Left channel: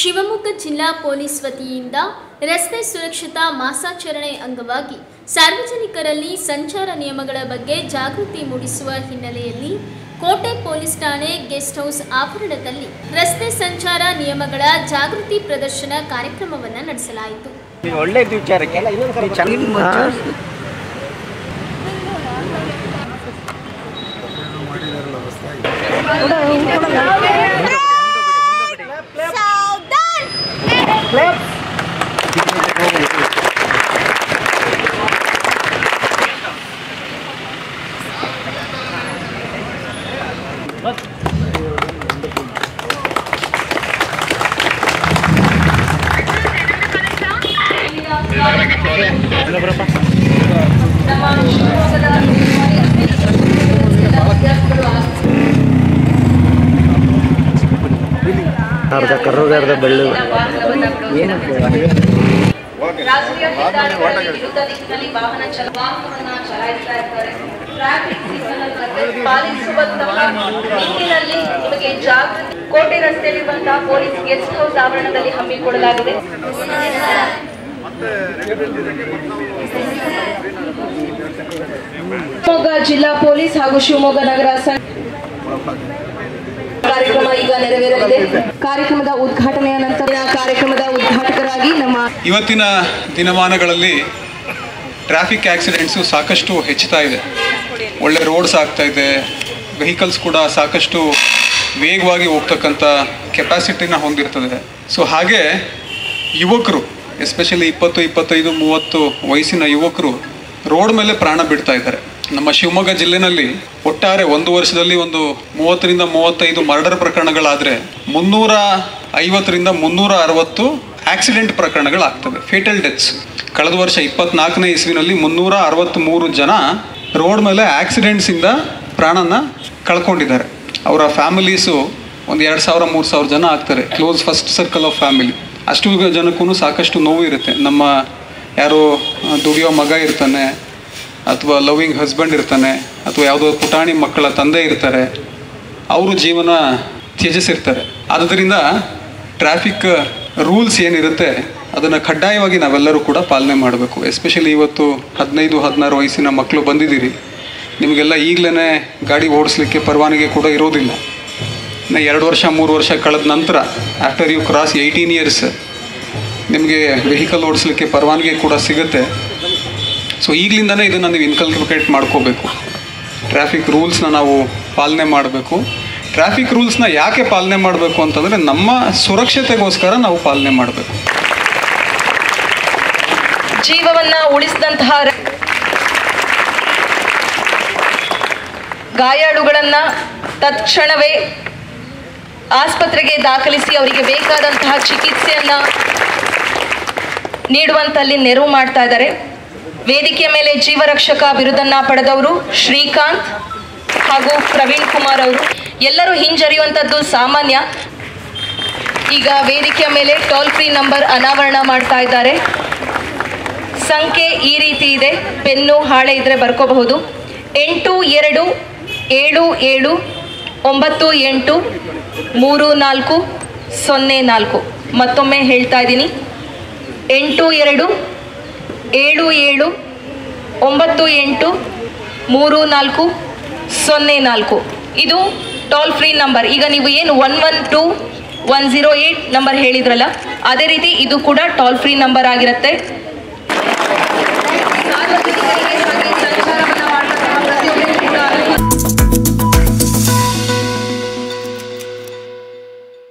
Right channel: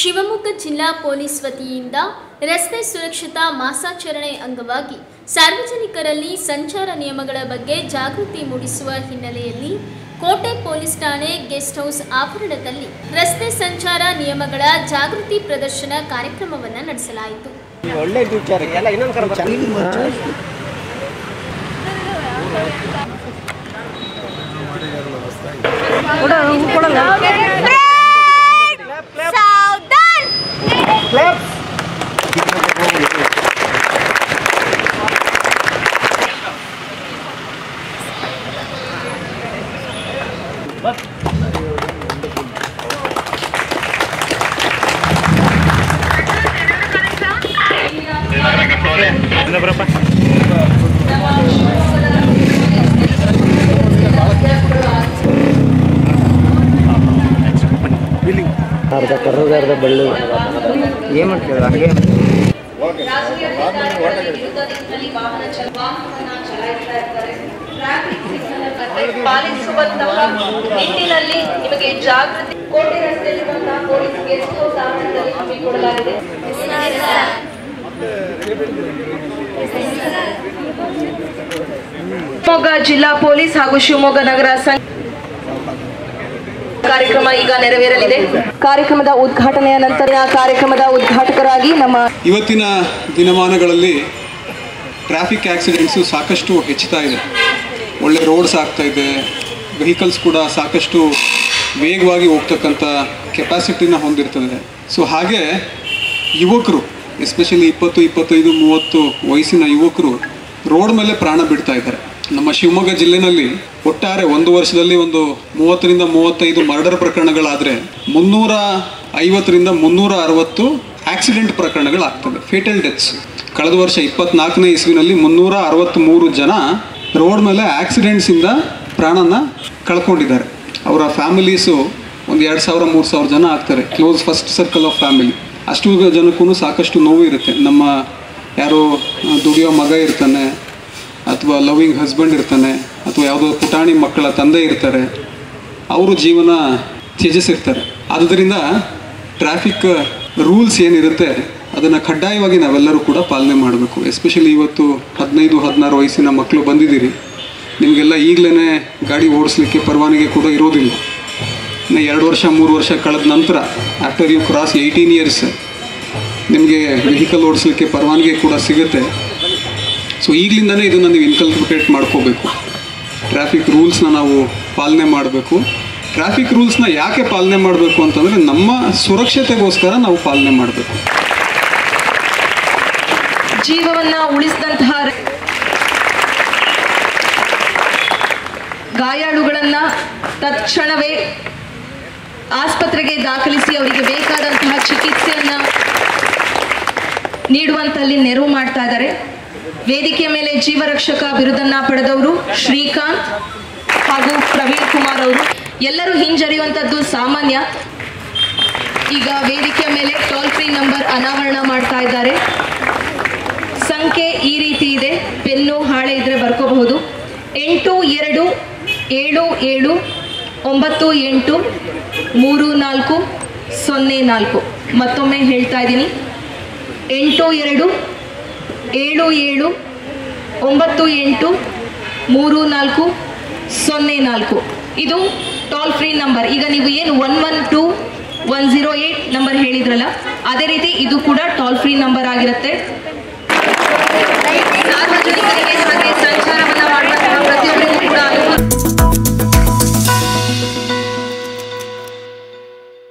ಶಿವಮೊಗ್ಗ ಜಿಲ್ಲಾ ಪೊಲೀಸ್ ವತಿಯಿಂದ ರಸ್ತೆ ಸುರಕ್ಷತಾ ಮಾಸಾಚರಣೆ ಅಂಗವಾಗಿ ಸಾರ್ವಜನಿಕರಲ್ಲಿ ಸಂಚಾರ ನಿಯಮಗಳ ಬಗ್ಗೆ ಜಾಗೃತಿ ಮೂಡಿಸುವ ಹಿನ್ನೆಲೆಯಲ್ಲಿ ಕೋಟೆ ಪೊಲೀಸ್ ಠಾಣೆ ಗೆಸ್ಟ್ ಹೌಸ್ ಆವರಣದಲ್ಲಿ ರಸ್ತೆ ಸಂಚಾರ ನಿಯಮಗಳ ಜಾಗೃತಿ ಪ್ರದರ್ಶನ ಕಾರ್ಯಕ್ರಮವನ್ನು ನಡೆಸಲಾಯಿತು. ಅರ್ಧ ಕರ್ರದ ಅರ್ಧ ಬೆಳ್ಳು ಏನು ಪಾಲಿಸುವಂತಹ ನಿಟ್ಟಿನಲ್ಲಿ ನಿಮಗೆ ಜಾಗೃತಿ ಕೋಟೆ ರಸ್ತೆಯಲ್ಲಿರುವಂತಹ ಪೊಲೀಸ್ ಗೆಸ್ಟ್ ಹೌಸ್ ಆವರಣದಲ್ಲಿ ಹಮ್ಮಿಕೊಳ್ಳಲಾಗಿದೆ. ಶಿವಮೊಗ್ಗ ಜಿಲ್ಲಾ ಪೊಲೀಸ್ ಹಾಗೂ ಶಿವಮೊಗ್ಗ ನಗರ ಕಾರ್ಯಕ್ರಮ ಈಗ ನೆರವೇರಲಿದೆ. ಕಾರ್ಯಕ್ರಮದ ಉದ್ಘಾಟನೆಯ ನಂತರ ಕಾರ್ಯಕ್ರಮದ ಉದ್ಘಾಟಕರಾಗಿ ನಮ್ಮ ಇವತ್ತಿನ ದಿನಮಾನಗಳಲ್ಲಿ ಟ್ರಾಫಿಕ್ ಆಕ್ಸಿಡೆಂಟ್ಸು ಸಾಕಷ್ಟು ಹೆಚ್ಚುತ್ತಾ ಇದೆ. ಒಳ್ಳೆ ರೋಡ್ಸ್ ಆಗ್ತಾ ಇದೆ, ವೆಹಿಕಲ್ಸ್ ಕೂಡ ಸಾಕಷ್ಟು ವೇಗವಾಗಿ ಹೋಗ್ತಕ್ಕಂಥ ಕೆಪಾಸಿಟಿನ ಹೊಂದಿರ್ತದೆ. ಸೊ ಹಾಗೆ ಯುವಕರು ಎಸ್ಪೆಷಲಿ 20, 25, 30 ವಯಸ್ಸಿನ ಯುವಕರು ರೋಡ್ ಮೇಲೆ ಪ್ರಾಣ ಬಿಡ್ತಾ ಇದ್ದಾರೆ. ನಮ್ಮ ಶಿವಮೊಗ್ಗ ಜಿಲ್ಲೆನಲ್ಲಿ ಒಟ್ಟಾರೆ ಒಂದು ವರ್ಷದಲ್ಲಿ ಒಂದು 30 ರಿಂದ 35 ಮರ್ಡರ್ ಪ್ರಕರಣಗಳಾದರೆ 350 ರಿಂದ 360 ಆಕ್ಸಿಡೆಂಟ್ ಪ್ರಕರಣಗಳಾಗ್ತವೆ, ಫೇಟಲ್ ಡೆತ್ಸ್. ಕಳೆದ ವರ್ಷ 24ನೇ ಇಸ್ವಿನಲ್ಲಿ 363 ಜನ ರೋಡ್ ಮೇಲೆ ಆಕ್ಸಿಡೆಂಟ್ಸಿಂದ ಪ್ರಾಣನ ಕಳ್ಕೊಂಡಿದ್ದಾರೆ. ಅವರ ಫ್ಯಾಮಿಲೀಸು ಒಂದು 2000-3000 ಜನ ಆಗ್ತಾರೆ, close first circle of family. ಅಷ್ಟು ಜನಕ್ಕೂ ಸಾಕಷ್ಟು ನೋವು ಇರುತ್ತೆ. ನಮ್ಮ ಯಾರೋ ದುಡಿಯೋ ಮಗ ಇರ್ತಾನೆ, ಅಥವಾ ಲವಿಂಗ್ ಹಸ್ಬೆಂಡ್ ಇರ್ತಾನೆ, ಅಥವಾ ಯಾವುದೋ ಪುಟಾಣಿ ಮಕ್ಕಳ ತಂದೆ ಇರ್ತಾರೆ, ಅವರು ಜೀವನ ತ್ಯಜಿಸಿರ್ತಾರೆ. ಆದ್ದರಿಂದ ಟ್ರಾಫಿಕ್ ರೂಲ್ಸ್ ಏನಿರುತ್ತೆ ಅದನ್ನು ಕಡ್ಡಾಯವಾಗಿ ನಾವೆಲ್ಲರೂ ಕೂಡ ಪಾಲನೆ ಮಾಡಬೇಕು. ಎಸ್ಪೆಷಲಿ ಇವತ್ತು 15-16 ವಯಸ್ಸಿನ ಮಕ್ಕಳು ಬಂದಿದ್ದೀರಿ, ನಿಮಗೆಲ್ಲ ಈಗಲೇ ಗಾಡಿ ಓಡಿಸ್ಲಿಕ್ಕೆ ಪರವಾನಗಿ ಕೂಡ ಇರೋದಿಲ್ಲ. ಇನ್ನು 2 ವರ್ಷ 3 ವರ್ಷ ಕಳೆದ ನಂತರ ಆಫ್ಟರ್ ಯು ಕ್ರಾಸ್ 18 ಇಯರ್ಸ್ ನಿಮಗೆ ವೆಹಿಕಲ್ ಓಡಿಸ್ಲಿಕ್ಕೆ ಪರವಾನಗಿ ಕೂಡ ಸಿಗುತ್ತೆ. ಸೊ ಈಗಲಿಂದನೇ ಇದನ್ನು ನೀವು ಇನ್ಕಲ್ಕೇಟ್ ಮಾಡ್ಕೋಬೇಕು. ಟ್ರಾಫಿಕ್ ರೂಲ್ಸ್ನ ನಾವು ಪಾಲನೆ ಮಾಡಬೇಕು. ಟ್ರಾಫಿಕ್ ರೂಲ್ಸ್ನ ಯಾಕೆ ಪಾಲನೆ ಮಾಡಬೇಕು ಅಂತಂದರೆ ನಮ್ಮ ಸುರಕ್ಷತೆಗೋಸ್ಕರ ನಾವು ಪಾಲನೆ ಮಾಡಬೇಕು. ಜೀವವನ್ನ ಉಳಿಸಿದಂತಹ ಗಾಯಾಳುಗಳನ್ನ ತಕ್ಷಣವೇ ಆಸ್ಪತ್ರೆಗೆ ದಾಖಲಿಸಿ ಅವರಿಗೆ ಬೇಕಾದಂತಹ ಚಿಕಿತ್ಸೆಯನ್ನ ನೀಡುವಂತಲ್ಲಿ ನೆರವು ಮಾಡ್ತಾ ಇದ್ದಾರೆ. ವೇದಿಕೆಯ ಮೇಲೆ ಜೀವರಕ್ಷಕ ಬಿರುದನ್ನ ಪಡೆದವರು ಶ್ರೀಕಾಂತ್ ಹಾಗೂ ಪ್ರವೀಣ್ ಕುಮಾರ್ ಅವರು. ಎಲ್ಲರೂ ಹಿಂಜರಿಯುವಂಥದ್ದು ಸಾಮಾನ್ಯ. ಈಗ ವೇದಿಕೆಯ ಮೇಲೆ ಟೋಲ್ ಫ್ರೀ ನಂಬರ್ ಅನಾವರಣ ಮಾಡ್ತಾ ಇದ್ದಾರೆ. ಸಂಖ್ಯೆ ಈ ರೀತಿ ಇದೆ, ಪೆನ್ನು ಹಾಳೆ ಇದ್ರೆ ಬರ್ಕೋಬಹುದು. 8277983404. ಮತ್ತೊಮ್ಮೆ ಹೇಳ್ತಾ ಇದ್ದೀನಿ, 8277983404. ಇದು ಟೋಲ್ ಫ್ರೀ ನಂಬರ್. ಈಗ ನೀವು ಏನು 112-108 ನಂಬರ್ ಹೇಳಿದ್ರಲ್ಲ, ಅದೇ ರೀತಿ ಇದು ಕೂಡ ಟೋಲ್ ಫ್ರೀ ನಂಬರ್ ಆಗಿರುತ್ತೆ.